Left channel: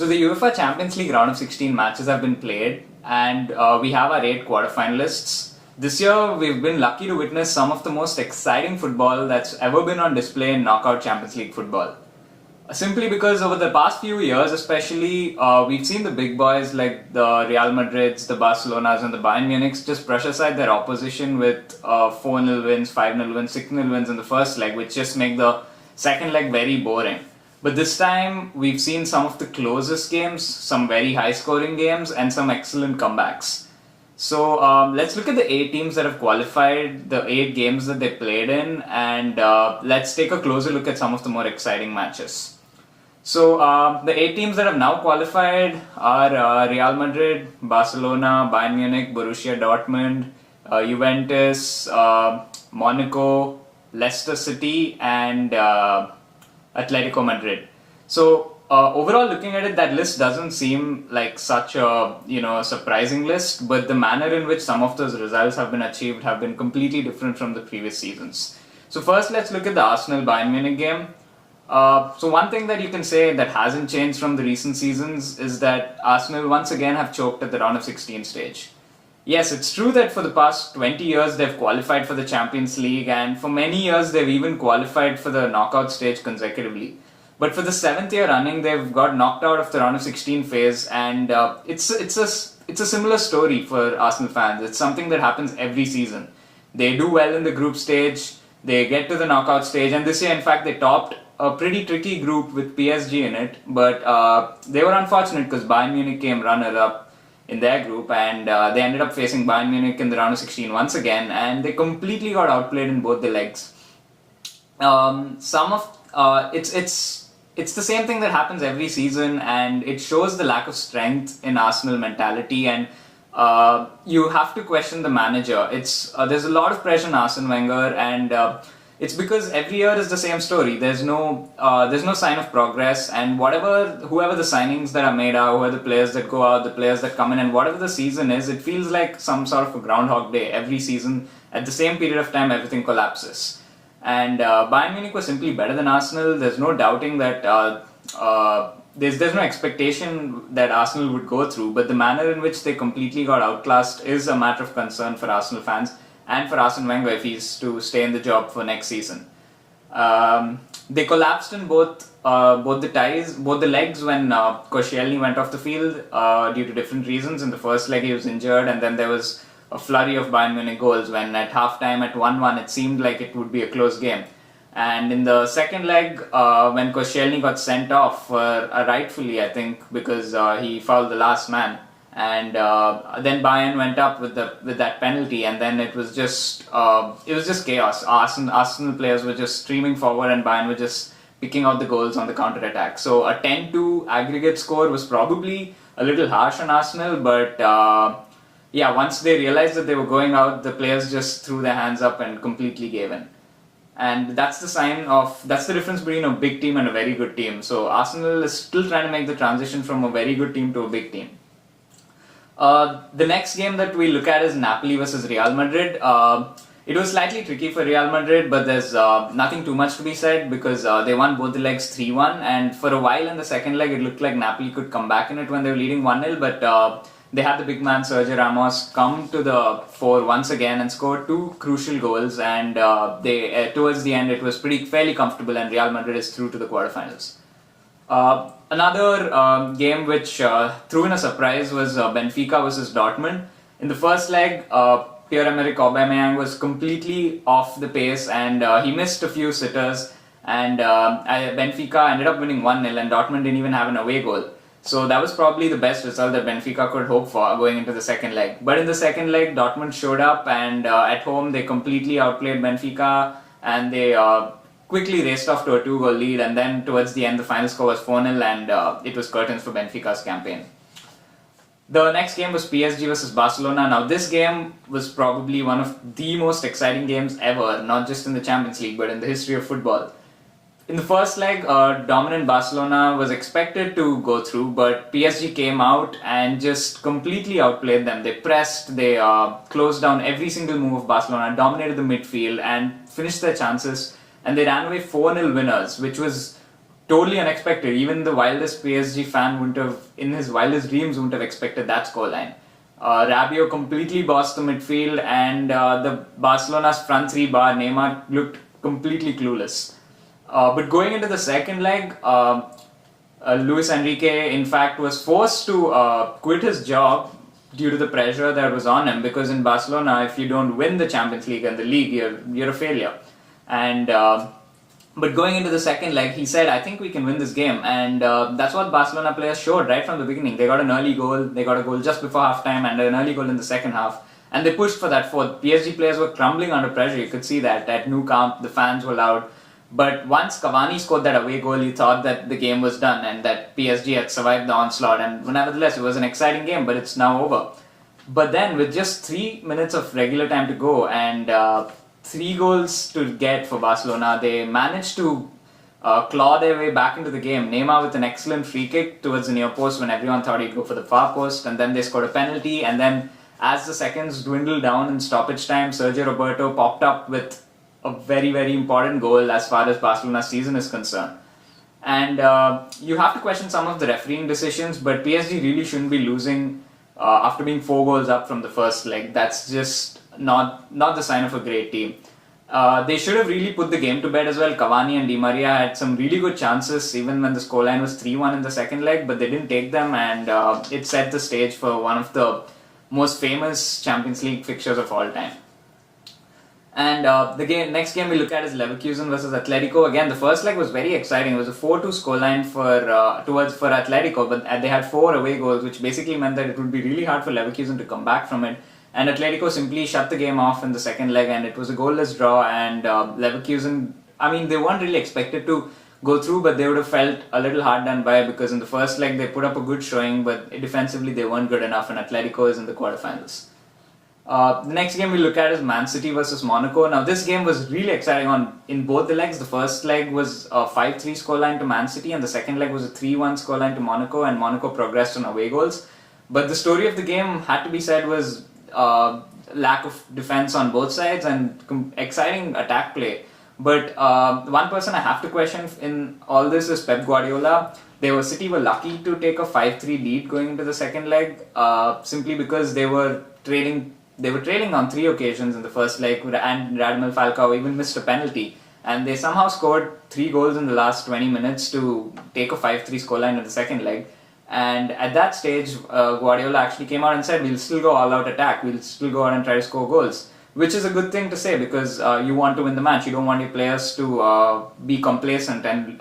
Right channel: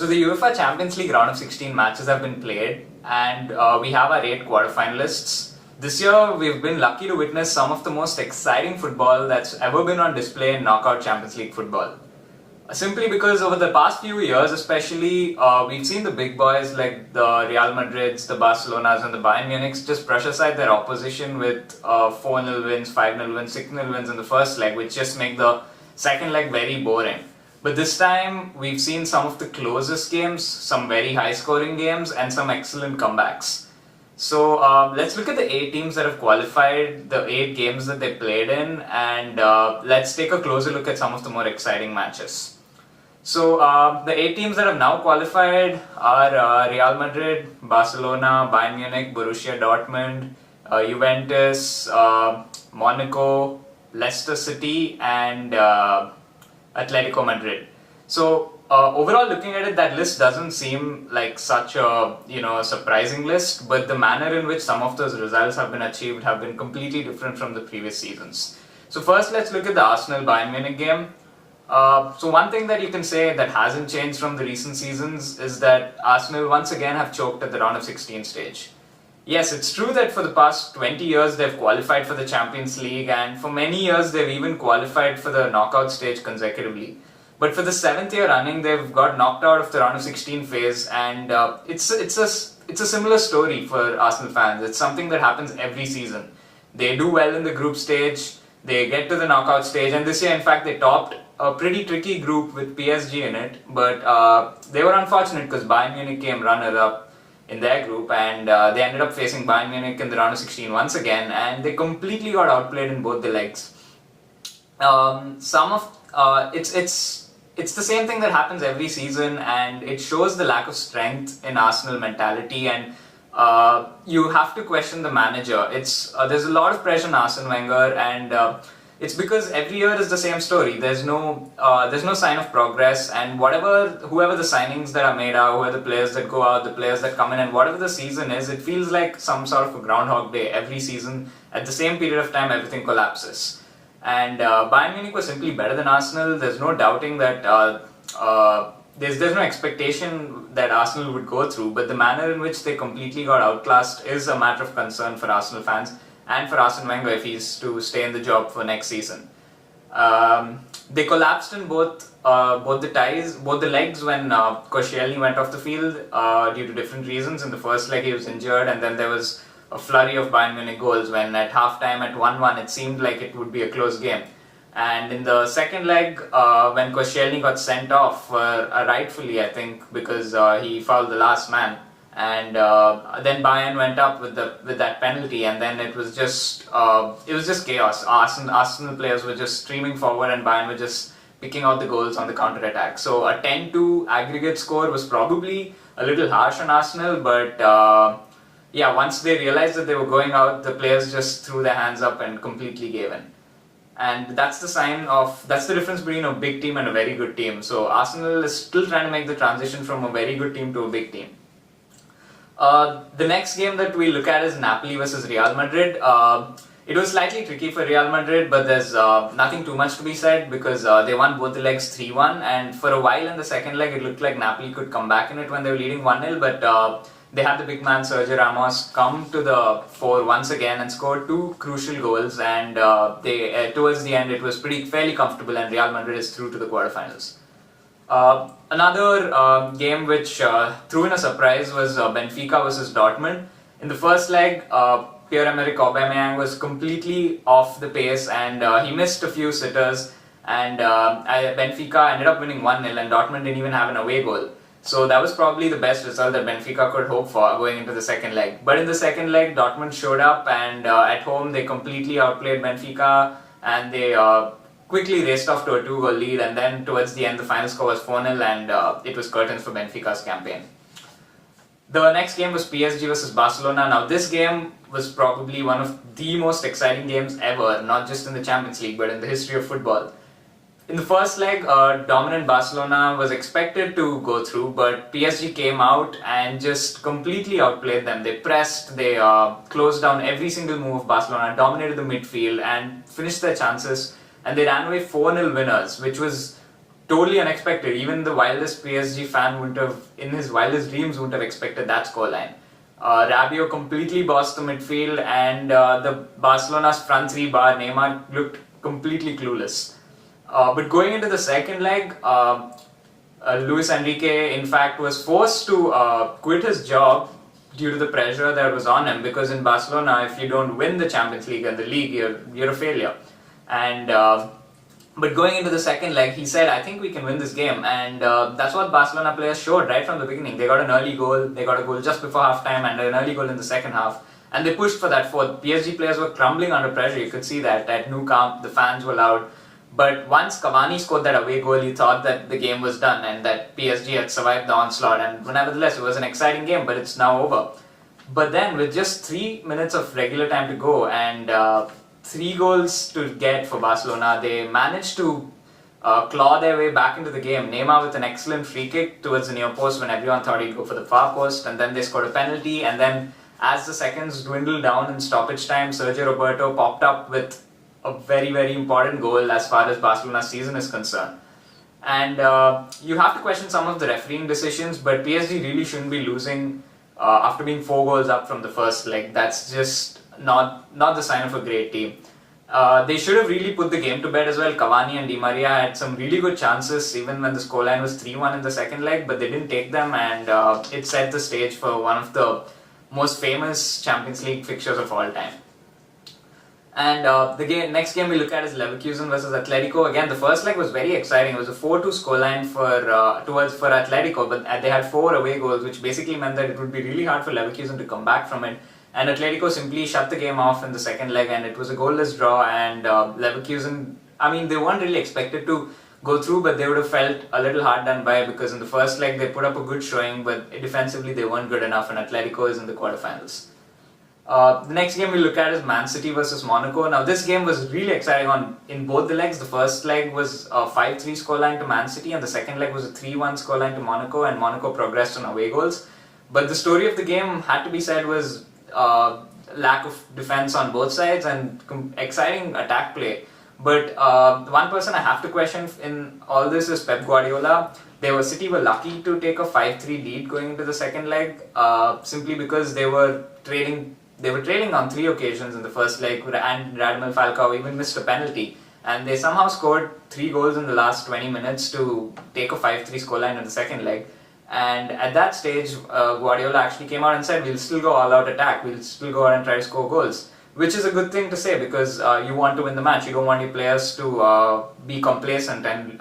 So the UEFA Champions League round of 16 matches have been played, and we have our 8 quarterfinalists. This year, we've been lucky to witness some of the most exciting football that's ever been on display in knockout Champions League football. Simply because over the past few years, especially, we've seen the big boys like the Real Madrids, the Barcelonas, and the Bayern Munichs just brush aside their opposition with 4-0 wins, 5-0 wins, 6-0 wins in the first leg, which just make the second leg very boring. But this time, we've seen some of the closest games, some very high-scoring games, and some excellent comebacks. So let's look at the 8 teams that have qualified, the 8 games that they played in, and let's take a closer look at some of the more exciting matches. So the 8 teams that have now qualified are Real Madrid, Barcelona, Bayern Munich, Borussia Dortmund, Juventus, Monaco, Leicester City, and Atletico Madrid. So overall, looking at it, that list doesn't seem like such a surprising list, but the manner in which some of those results have been achieved have been completely different from the previous seasons. So first, let's look at the Arsenal-Bayern Munich game. So one thing that you can say that hasn't changed from the recent seasons is that Arsenal once again have choked at the round of 16 stage. Yes, it's true that for the past 20 years they've qualified for the Champions League, and for many years they've even qualified for the knockout stage consecutively. But for the 7th year running, they've got knocked out of the round of 16 phase, and it's a similar story for Arsenal fans. It's something that happens every season. They do well in the group stage, they get to the knockout stage, and this year, in fact, they topped a pretty tricky group with PSG in it, but they were unfortunate because Bayern Munich came runner-up in their group, and they ended up facing Bayern Munich in the round of 16 once again, and they completely got outplayed in both the legs. It's the same thing that happens every season, and it shows the lack of strength in Arsenal mentality, and you have to question the manager. There's a lot of pressure on Arsene Wenger, and it's because every year is the same story. There's no sign of progress, and whoever the signings that are made are, whoever the players that go out, the players that come in, and whatever the season is, it feels like some sort of a Groundhog Day. Every season, at the same period of time, everything collapses. And Bayern Munich was simply better than Arsenal. There's no doubting that there's no expectation that Arsenal would go through, but the manner in which they completely got outclassed is a matter of concern for Arsenal fans and for Arsene Wenger if he's to stay in the job for next season. They collapsed in both the legs when Koscielny went off the field due to different reasons. In the first leg he was injured, and then there was a flurry of Bayern Munich goals when at halftime at 1-1 it seemed like it would be a close game. And in the second leg, when Koscielny got sent off, rightfully I think, because he fouled the last man, and then Bayern went up with that penalty, and then it was just chaos. Arsenal players were just streaming forward, and Bayern were just picking out the goals on the counter attack. So a 10-2 aggregate score was probably a little harsh on Arsenal, but once they realized that they were going out, the players just threw their hands up and completely gave in. And that's the difference between a big team and a very good team. So Arsenal is still trying to make the transition from a very good team to a big team. The next game that we look at is Napoli versus Real Madrid. It was slightly tricky for Real Madrid, but there's nothing too much to be said because they won both the legs 3-1, and for a while in the second leg it looked like Napoli could come back in it when they were leading 1-0, but they had the big man Sergio Ramos come to the fore once again and score 2 crucial goals, and towards the end it was fairly comfortable, and Real Madrid is through to the quarterfinals. Another game which threw in a surprise was Benfica versus Dortmund. In the first leg, Pierre-Emerick Aubameyang was completely off the pace, and he missed a few sitters, and Benfica ended up winning 1-0, and Dortmund didn't even have an away goal. So that was probably the best result that Benfica could hope for going into the second leg. But in the second leg, Dortmund showed up, and at home they completely outplayed Benfica, and they quickly raced off to a 2-goal lead, and then towards the end the final score was 4-0, and it was curtains for Benfica's campaign. The next game was PSG versus Barcelona. Now this game was probably one of the most exciting games ever, not just in the Champions League but in the history of football. In the first leg, dominant Barcelona was expected to go through, but PSG came out and just completely outplayed them. They pressed, they closed down every single move of Barcelona, dominated the midfield and finished their chances, and they ran away 4-0 winners, which was totally unexpected. Even the wildest PSG fan wouldn't have, in his wildest dreams, wouldn't have expected that scoreline. Rabiot completely bossed the midfield, and the Barcelona's front three bar Neymar looked completely clueless. But going into the second leg, Luis Enrique, in fact, was forced to quit his job due to the pressure that was on him, because in Barcelona, if you don't win the Champions League and the league, you're a failure. And but going into the second leg, he said, I think we can win this game. And that's what Barcelona players showed right from the beginning. They got an early goal. They got a goal just before halftime and an early goal in the second half. And they pushed for that fourth. PSG players were crumbling under pressure. You could see that. At Nou Camp, the fans were loud. But once Cavani scored that away goal, you thought that the game was done and that PSG had survived the onslaught. And nevertheless, it was an exciting game, but it's now over. But then, with just 3 minutes of regular time to go and 3 goals to get for Barcelona, they managed to claw their way back into the game. Neymar with an excellent free kick towards the near post when everyone thought he'd go for the far post, and then they scored a penalty. And then, as the seconds dwindled down in stoppage time, Sergio Roberto popped up with a very, very important goal as far as Barcelona's season is concerned. And you have to question some of the refereeing decisions, but PSG really shouldn't be losing after being 4 goals up from the first leg. That's just not the sign of a great team. They should have really put the game to bed as well. Cavani and Di Maria had some really good chances even when the scoreline was 3-1 in the second leg, but they didn't take them, and it set the stage for one of the most famous Champions League fixtures of all time. And next game we look at is Leverkusen versus Atletico. Again, the first leg was very exciting. It was a 4-2 scoreline for Atletico, but they had 4 away goals, which basically meant that it would be really hard for Leverkusen to come back from it. And Atletico simply shut the game off in the second leg, and it was a goalless draw. And Leverkusen, they weren't really expected to go through, but they would have felt a little hard done by, because in the first leg they put up a good showing, but defensively they weren't good enough, and Atletico is in the quarterfinals. The next game we look at is Man City versus Monaco. Now, this game was really exciting in both the legs. The first leg was a 5-3 scoreline to Man City, and the second leg was a 3-1 scoreline to Monaco, and Monaco progressed on away goals. But the story of the game, had to be said, was lack of defense on both sides and exciting attack play. But one person I have to question in all this is Pep Guardiola. City were lucky to take a 5-3 lead going into the second leg, simply because they were trailing on 3 occasions in the first leg, and Radamel Falcao even missed a penalty. And they somehow scored 3 goals in the last 20 minutes to take a 5-3 scoreline in the second leg. And at that stage, Guardiola actually came out and said, we'll still go all-out attack, we'll still go out and try to score goals. Which is a good thing to say, because you want to win the match. You don't want your players to be complacent and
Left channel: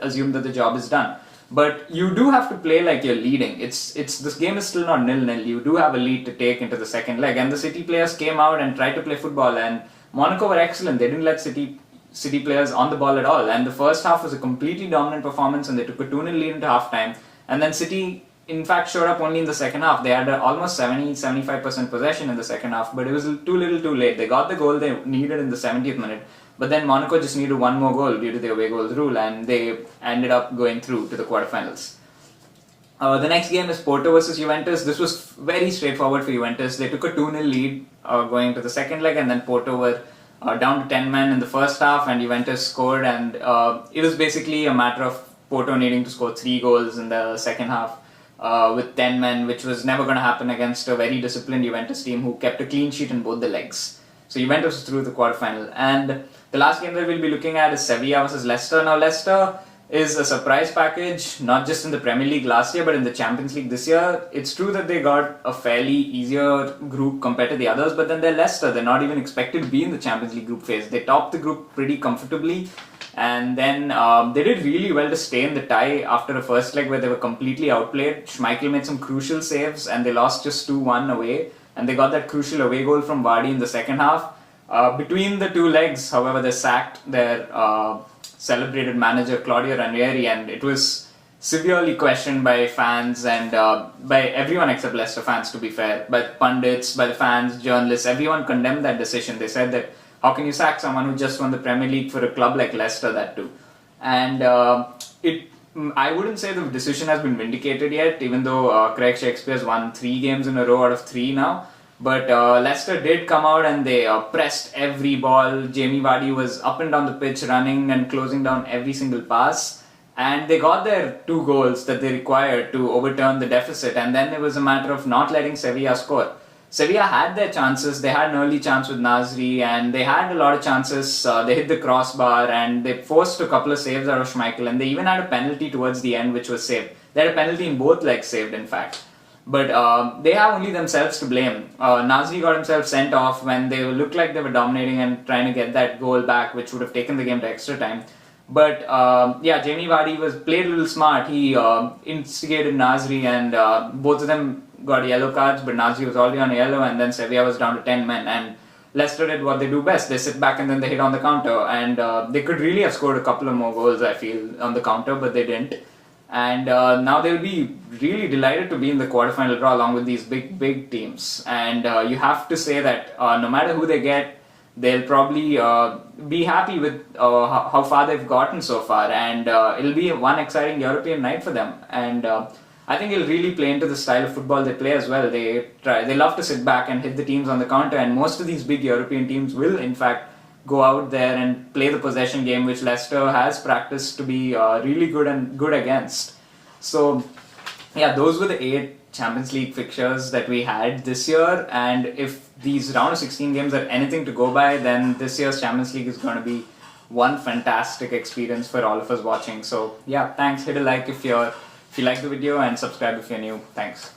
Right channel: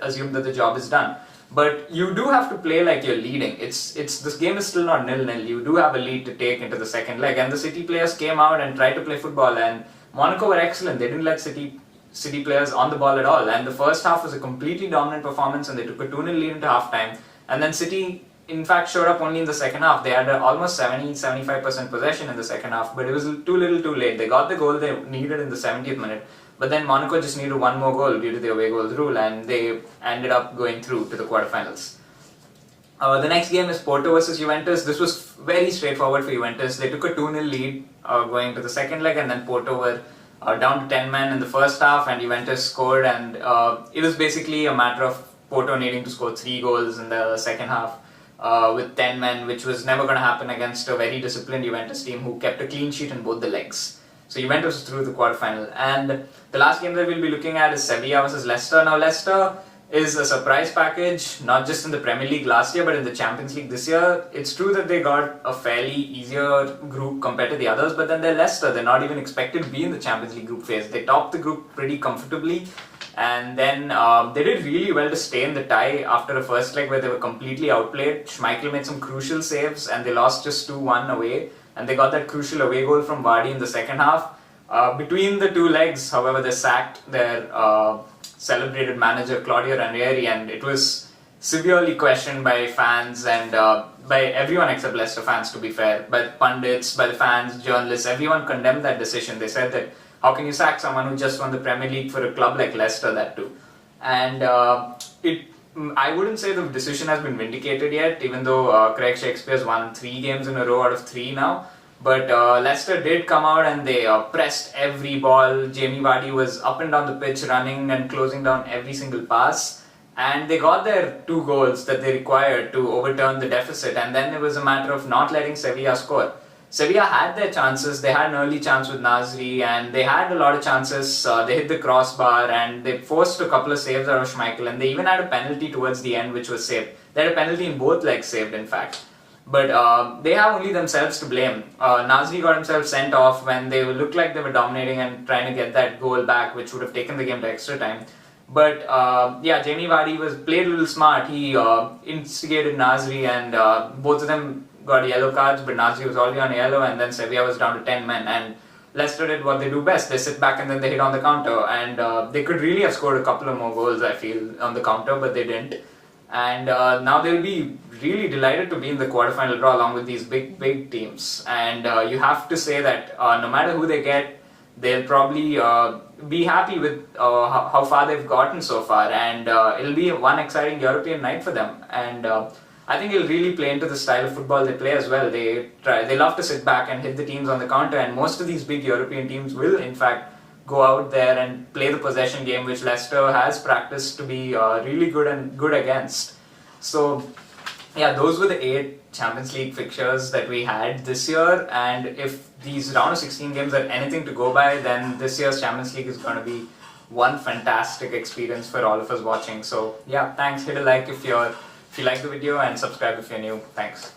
assume that the job is done. But you do have to play like you're leading. This game is still not 0-0. You do have a lead to take into the second leg. And the City players came out and tried to play football. And Monaco were excellent. They didn't let City players on the ball at all. And the first half was a completely dominant performance, and they took a 2-0 lead into halftime. And then City, in fact, showed up only in the second half. They had almost 70-75% possession in the second half, but it was too little too late. They got the goal they needed in the 70th minute, but then Monaco just needed 1 more goal due to the away goals rule, and they ended up going through to the quarterfinals. The next game is Porto versus Juventus. This was very straightforward for Juventus. They took a 2-0 lead going to the second leg, and then Porto were down to 10 men in the first half, and Juventus scored, and it was basically a matter of Porto needing to score 3 goals in the second half. With 10 men, which was never going to happen against a very disciplined Juventus team who kept a clean sheet in both the legs. So Juventus was through the quarterfinal. And the last game that we'll be looking at is Sevilla versus Leicester. Now, Leicester is a surprise package, not just in the Premier League last year, but in the Champions League this year. It's true that they got a fairly easier group compared to the others, but then they're Leicester. They're not even expected to be in the Champions League group phase. They topped the group pretty comfortably. And then they did really well to stay in the tie after the first leg where they were completely outplayed. Schmeichel made some crucial saves, and they lost just 2-1 away. And they got that crucial away goal from Vardy in the second half. Between the 2 legs, however, they sacked their celebrated manager Claudio Ranieri, and it was severely questioned by fans and by everyone except Leicester fans, to be fair. By pundits, by the fans, journalists, everyone condemned that decision. They said that, how can you sack someone who just won the Premier League for a club like Leicester, that too? And I wouldn't say the decision has been vindicated yet, even though Craig Shakespeare's won 3 games in a row out of 3 now. But Leicester did come out and they pressed every ball. Jamie Vardy was up and down the pitch running and closing down every single pass. And they got their 2 goals that they required to overturn the deficit, and then it was a matter of not letting Sevilla score. Sevilla had their chances. They had an early chance with Nasri, and they had a lot of chances. They hit the crossbar, and they forced a couple of saves out of Schmeichel, and they even had a penalty towards the end, which was saved. They had a penalty in both legs saved, in fact. But they have only themselves to blame. Nasri got himself sent off when they looked like they were dominating and trying to get that goal back, which would have taken the game to extra time. But Jamie Vardy played a little smart. He instigated Nasri, and both of them got yellow cards, but Nasri was already on yellow, and then Sevilla was down to 10 men. And Leicester did what they do best. They sit back and then they hit on the counter. And they could really have scored a couple of more goals, I feel, on the counter, but they didn't. And now they'll be really delighted to be in the quarterfinal draw along with these big teams. And you have to say that no matter who they get, they'll probably be happy with how far they've gotten so far. And it'll be one exciting European night for them. And I think it'll really play into the style of football they play as well. They love to sit back and hit the teams on the counter. And most of these big European teams will, in fact, go out there and play the possession game, which Leicester has practiced to be really good against. So, yeah, those were the 8 Champions League fixtures that we had this year. And if these round of 16 games are anything to go by, then this year's Champions League is going to be one fantastic experience for all of us watching. So, yeah, thanks. Hit a like if you like the video, and subscribe if you're new. Thanks.